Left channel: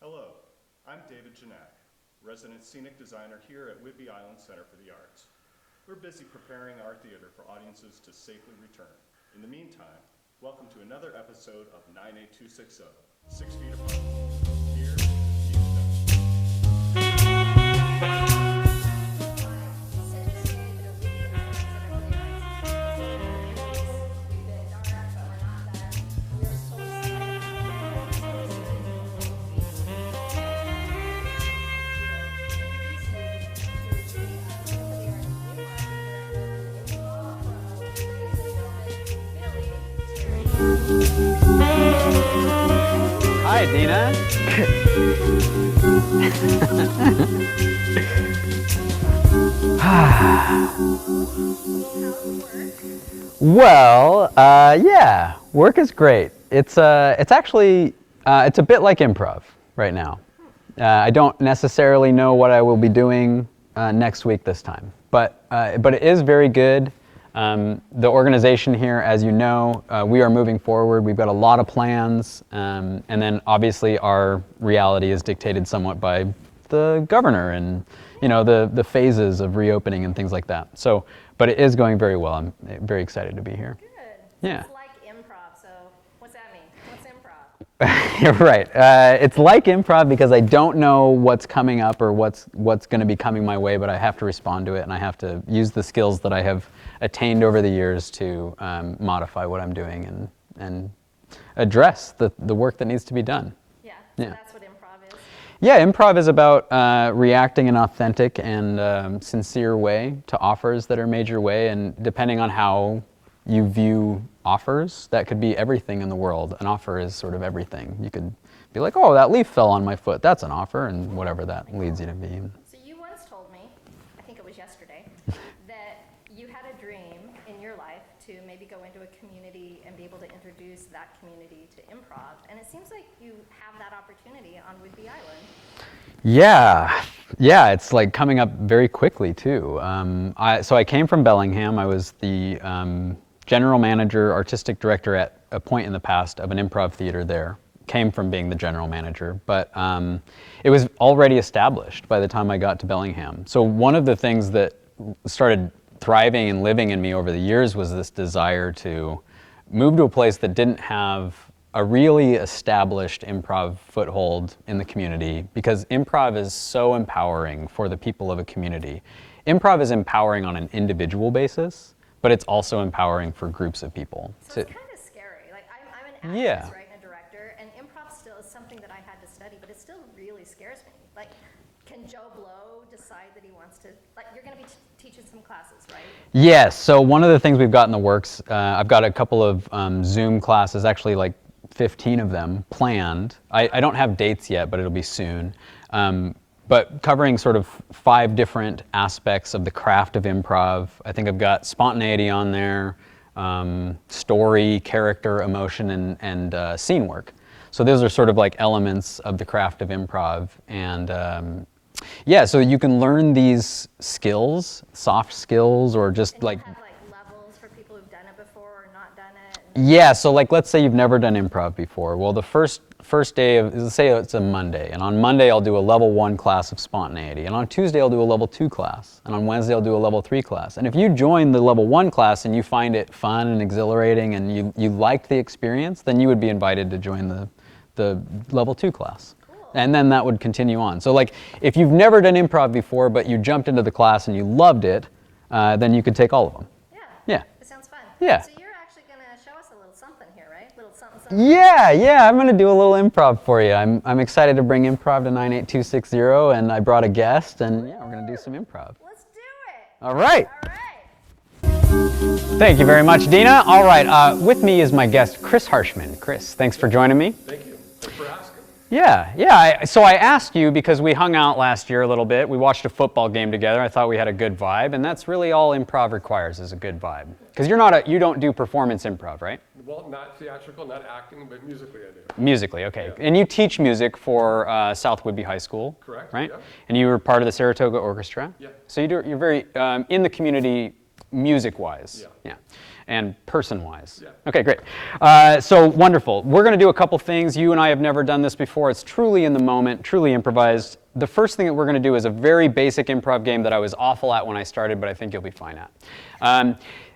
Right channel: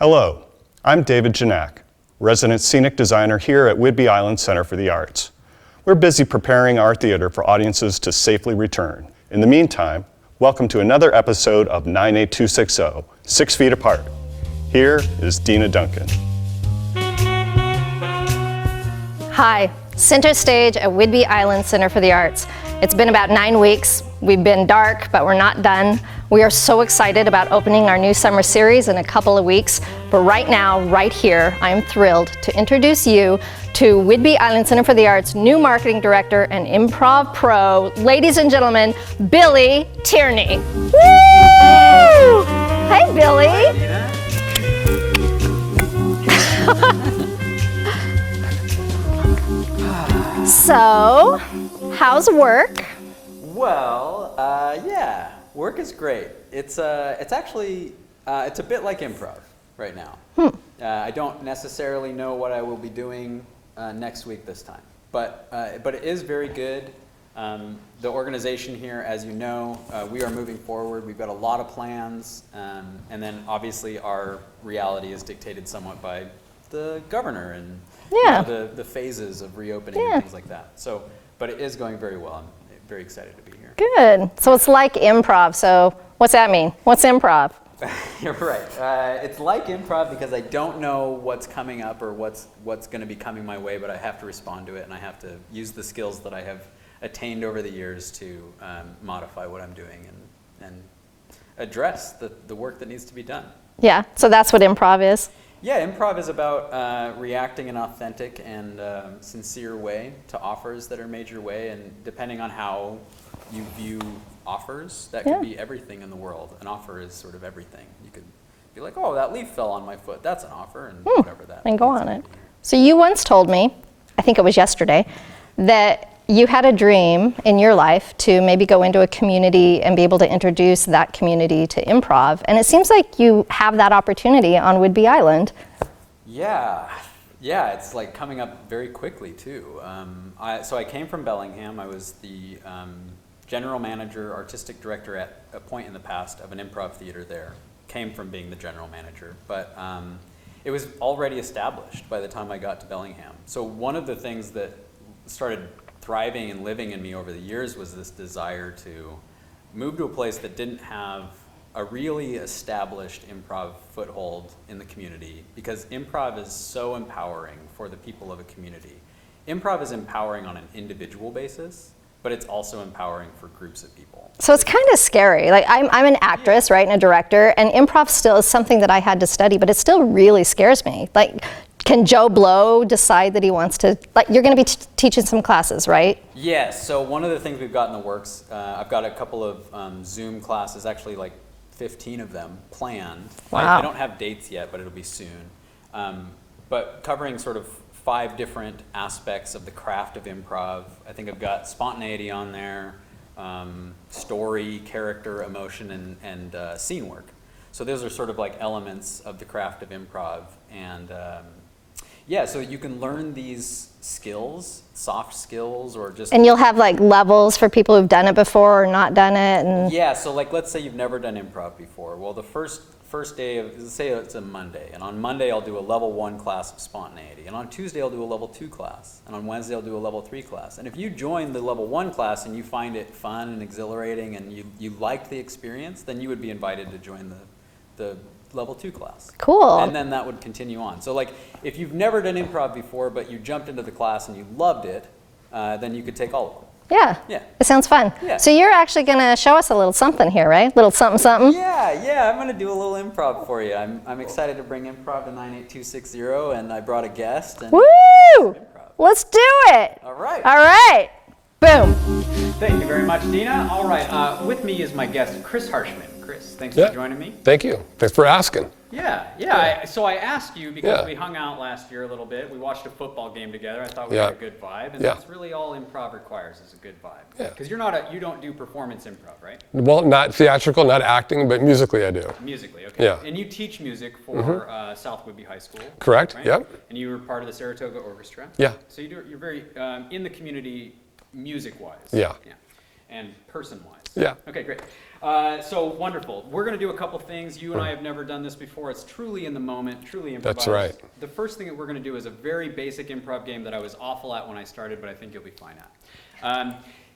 Hello, I'm David Janak, resident scenic designer here at Whidbey Island Center for the Arts. We're busy preparing our theater for audiences to safely return. In the meantime, welcome to another episode of 98260, 6 Feet Apart. Here is Deana Duncan. Hi, center stage at Whidbey Island Center for the Arts. It's been about 9 weeks. We've been dark, but we're not done. We are so excited about opening our new summer series in a couple of weeks. But right now, right here, I'm thrilled to introduce you to Whidbey Island Center for the Arts' new marketing director and improv pro, ladies and gentlemen, Billy Tierney. Woo! Hey, Billy. Hi, Deana. So, how's work? Well, yeah, work is great. It's actually it's a bit like improv right now. I don't necessarily know what I will be doing next week this time, but it is very good. The organization here, as you know, we are moving forward. We've got a lot of plans, and then obviously our reality is dictated somewhat by the governor and you know the phases of reopening and things like that. So. But it is going very well. I'm very excited to be here. Good. So it's like improv. So what's that mean? What's improv? You're right. It's like improv because I don't know what's coming up or what's going to be coming my way, but I have to respond to it, and I have to use the skills that I have attained over the years to modify what I'm doing and address the work that needs to be done. Yeah. So that's what improv is? Yeah, improv is about reacting in an authentic and sincere way to offers that are made your way, and depending on how you view offers, that could be everything in the world. An offer is sort of everything. You could be like, oh, that leaf fell on my foot. That's an offer, and whatever that And go leads on you it. to be. So you once told me, I think it was yesterday, that you had a dream in your life to maybe go into a community and be able to introduce that community to improv. And it seems like you have that opportunity on Whidbey Island. Yeah, it's like coming up very quickly too. So I came from Bellingham. I was the general manager, artistic director at a point in the past of an improv theater there. Came from being the general manager, but it was already established by the time I got to Bellingham. So one of the things that started thriving and living in me over the years was this desire to move to a place that didn't have a really established improv foothold in the community, because improv is so empowering for the people of a community. Improv is empowering on an individual basis, but it's also empowering for groups of people. So it's kind of scary. Like I'm an actress, right, and a director, and improv still is something that I had to study, but it still really scares me. Like, can Joe Blow decide that he wants to, like, you're going to be teaching some classes, right? Yes, so one of the things we've got in the works, I've got a couple of Zoom classes, actually like 15 of them planned. Wow. I don't have dates yet, but it'll be soon. But covering sort of 5 different aspects of the craft of improv. I think I've got spontaneity on there, story, character, emotion, and scene work. So those are sort of like elements of the craft of improv. And yeah, so you can learn these skills, soft skills, or just And you'll have like levels for people who've done it before or not done it. And yeah, so like let's say you've never done improv before. Well, the first day of, let's say it's a Monday, and on Monday I'll do a level 1 class of spontaneity, and on Tuesday I'll do a level 2 class, and on Wednesday I'll do a level 3 class. And if you join the level 1 class and you find it fun and exhilarating and you liked the experience, then you would be invited to join the level 2 class. Cool. And then that would continue on. So like if you've never done improv before but you jumped into the class and you loved it, then you could take all of them. Yeah. It sounds fun. Yeah. So you're actually going to show us a little something here, right? Little something, something. Yeah, I'm going to do a little improv for you. I'm excited to bring improv to 98260, and I brought a guest, and Woo! we're going to do some improv. Let's do it. All right. All right. Boom. Thank you very much, Deana. All right, with me is my guest, Chris Harshman. Chris, thanks for joining me. Thank you. Thanks for asking. Yeah. So I asked you because we hung out last year a little bit. We watched a football game together. I thought we had a good vibe, and that's really all improv requires is a good vibe. Because you don't do performance improv, right? Well, not theatrical, not acting, but musically I do. Musically, okay. Yeah. And you teach music for South Whidbey High School. Correct. Right? Yep. And you were part of the Saratoga Orchestra. Yeah. So you're very in the community music-wise. Yeah. and person-wise. Yeah. Okay, great. So wonderful. We're going to do a couple things. You and I have never done this before. It's truly in the moment, truly improvised. That's right. The first thing that we're going to do is a very basic improv game that I was awful at when I started, but I think you'll be fine at.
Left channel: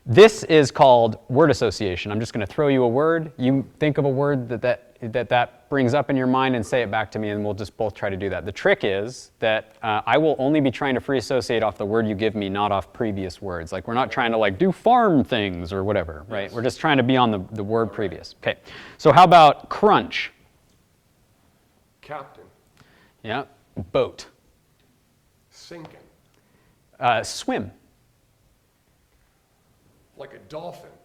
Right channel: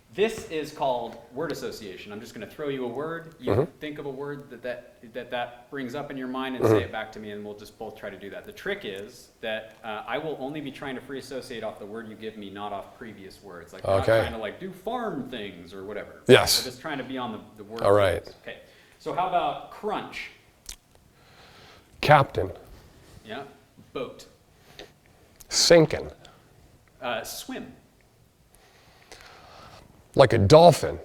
This is called word association. I'm just going to throw you a word. You think of a word that brings up in your mind and say it back to me, and we'll just both try to do that. The trick is that I will only be trying to free associate off the word you give me, not off previous words. Like we're not trying to like do farm things or whatever. Yes. Right? We're just trying to be on the word All previous. right. Okay. So how about crunch? Captain. Yeah. Boat. Sinking. Swim. Like a dolphin.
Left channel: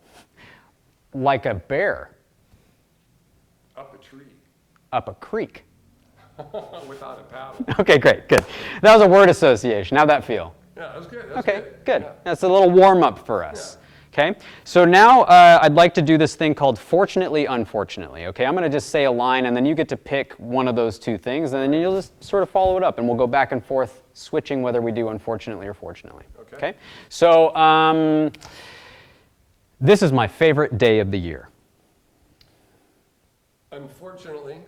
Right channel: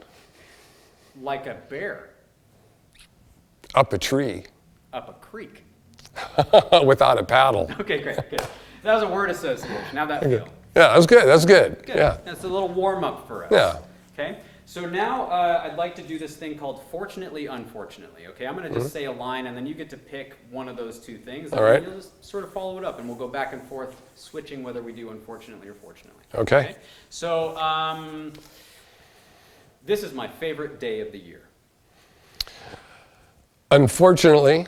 Like a bear. Up a tree. Up a creek. Without a paddle. Okay, great, good. That was a word association. How'd that feel? Yeah, that's good. That's good. Good. Yeah. That's a little warm up for us. Yeah. Okay. So now I'd like to do this thing called fortunately, unfortunately. Okay. I'm going to just say a line, and then you get to pick one of those two things, and All then right. you'll just sort of follow it up, and we'll go back and forth, switching whether we do unfortunately or fortunately. Okay. So this is my favorite day of the year. Unfortunately,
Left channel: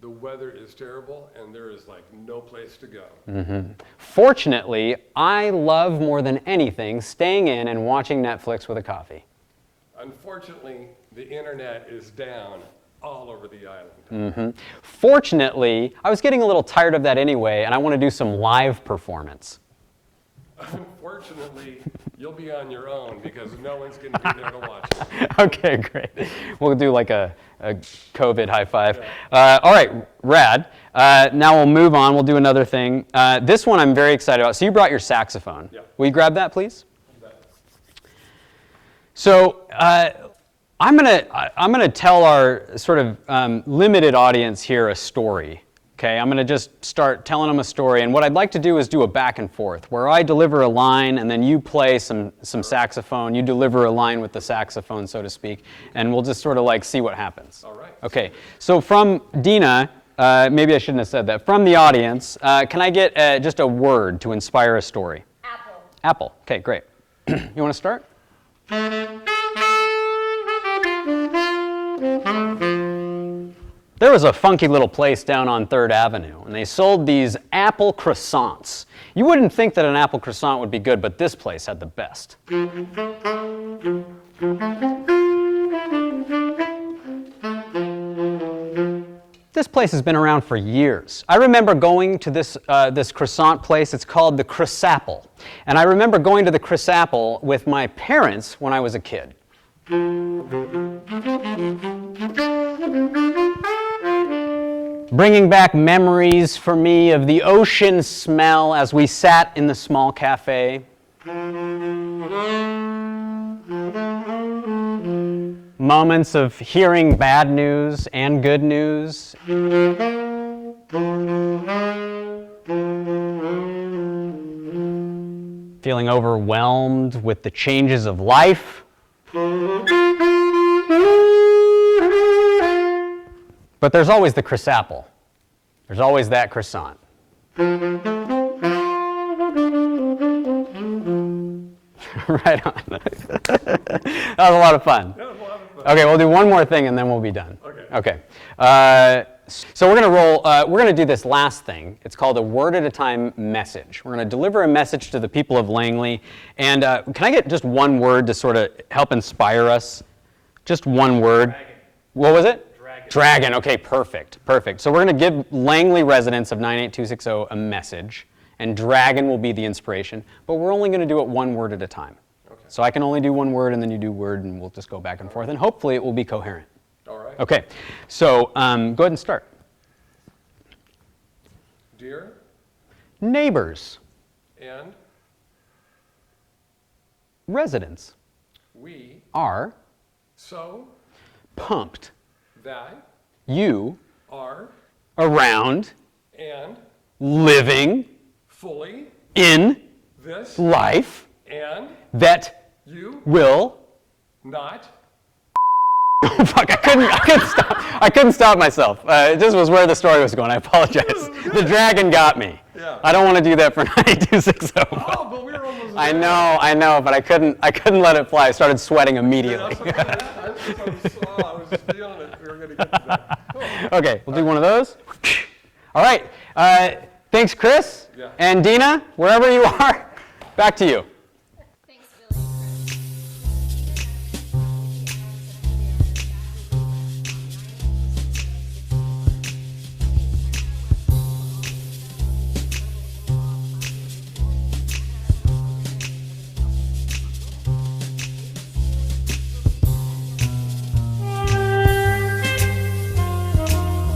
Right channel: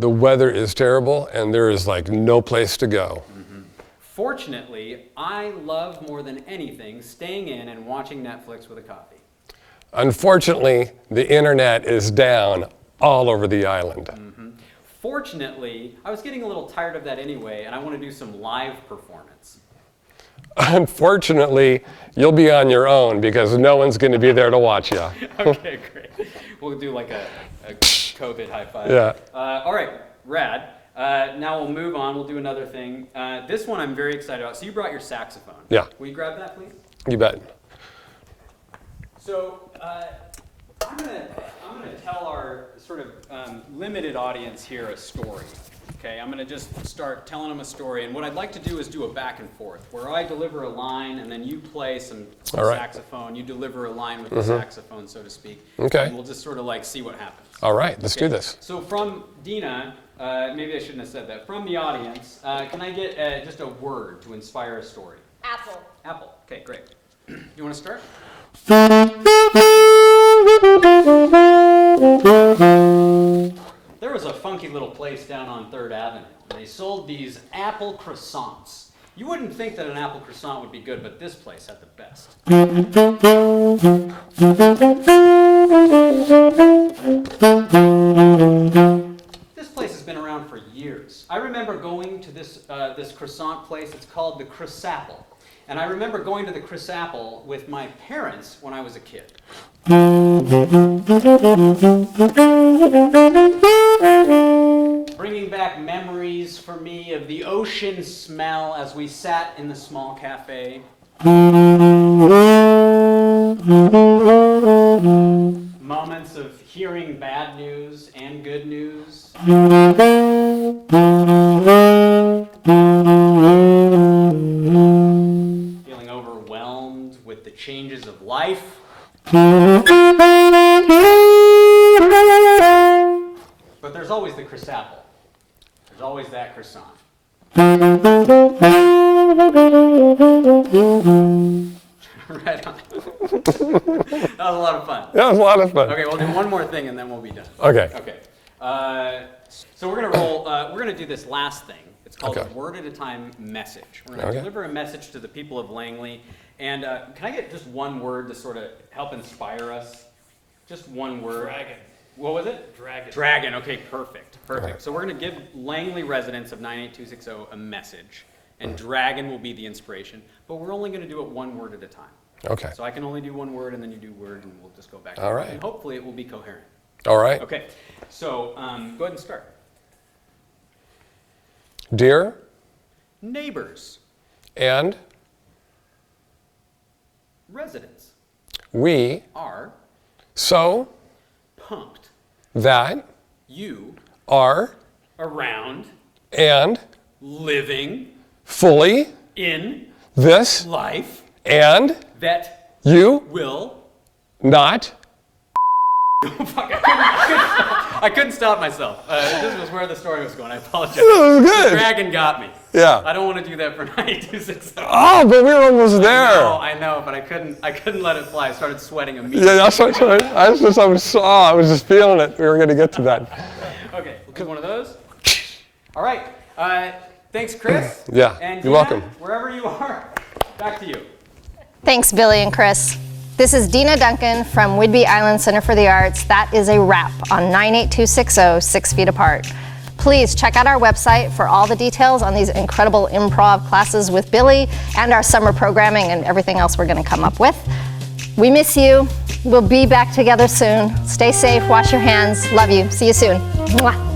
the weather is terrible, and there is like no place to go. Fortunately, I love more than anything staying in and watching Netflix with a coffee. Unfortunately, the internet is down all over the island. Fortunately, I was getting a little tired of that anyway, and I want to do some live performance. Unfortunately, you'll be on your own because no one's going to be there to watch you. Okay, great. We'll do like a COVID high five. Yeah. All right, rad. Now we'll move on. We'll do another thing. This one I'm very excited about. So you brought your saxophone. Yeah. Will you grab that, please? You bet. So I'm gonna tell our sort of limited audience here a story. Okay, I'm gonna just start telling them a story, and what I'd like to do is do a back and forth, where I deliver a line, and then you play some right. saxophone. You deliver a line with the saxophone, so to speak, Okay. and we'll just sort of like see what happens. All right, let's Okay. do this. So from Deana, maybe I shouldn't have said that. From the audience, can I get just a word to inspire a story? Apple. Apple. Okay, great. You want to start? There was a funky little place down on 3rd Avenue, and they sold these apple croissants. You wouldn't think that an apple croissant would be good, but this place had the best. This place has been around for years. I remember going to this croissant place. It's called the Chris Apple. And I remember going to the Chris Apple with my parents when I was a kid. Bringing back memories for me of the ocean smell as we sat in the small cafe. Moments of hearing bad news and good news. Feeling overwhelmed with the changes of life. But there's always the Chris Apple. There's always that croissant. Right on. That was a lot of fun. That was a lot of fun. Okay, we'll do one more thing and then we'll be done. Okay. Okay. So we're gonna roll. We're gonna do this last thing. It's called a word at a time message. We're gonna deliver a message to the people of Langley. And can I get just one word to sort of help inspire us? Just one word. Dragon. What was it? Dragon. Dragon. Okay, perfect. Perfect. So we're gonna give Langley residents of 98260 a message, and dragon will be the inspiration. But we're only gonna do it one word at a time. Okay. So I can only do one word, and then you do word, and we'll just go back and forth. right. And hopefully it will be coherent. All right. Okay, so go ahead and start. Dear Neighbors, and residents we are so pumped that you are around and living fully in this life and that you will not Fuck, I couldn't stop myself. This was where the story was going. I apologize. The dragon got me. Yeah. I don't want to do that for 9260. Oh, but we were almost there. I know, but I couldn't let it fly. I started sweating immediately. Yeah, that's what I was just feeling it. We were going to get to that. Okay, we'll do one of those. All right. Thanks, Chris. Yeah. And Deana, welcome. wherever you are, back to you. Thanks, Billy and Chris. This is Deana Duncan from Whidbey Island Center for the Arts. That is a wrap on 98260, 6 Feet Apart. Please check out our website for all the details on these incredible improv classes with Billy and our summer programming and everything else we're going to come up with. We miss you. We'll be back together soon. Stay safe, wash your hands. Love you. See you soon. Mwah.